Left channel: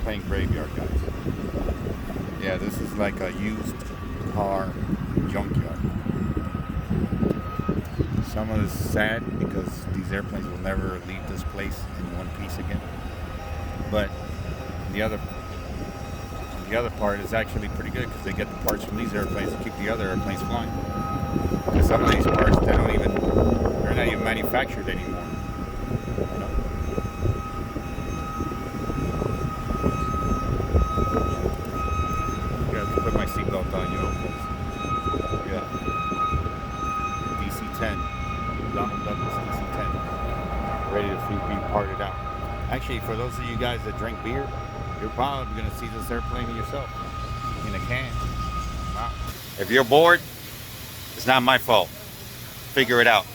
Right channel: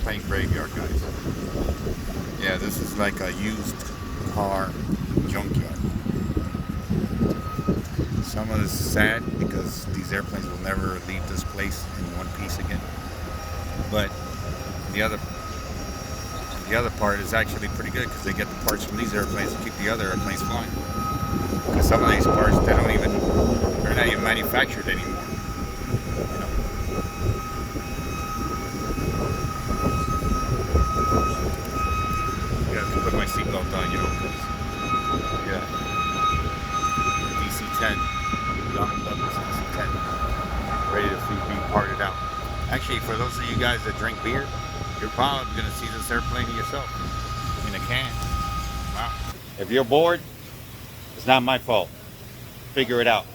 airplane graveyard, guys. Yeah, this is like a used car junkyard. Some of this is sad because these airplanes will never leave this place in one piece again. But the other part is actually pretty good because they get the parts from these airplanes to keep the other airplanes flying. Because some of these parts, they're not even manufactured anymore. You know? You have to put my seatbelt on, you know, because, yeah. DC-10, Donald Douglas DC-10, ready to be parted out. Actually, for those of you guys that drink beer, you're probably going to see this airplane yourself in a can. Wow. If you're bored, it's not my fault. Figure it out.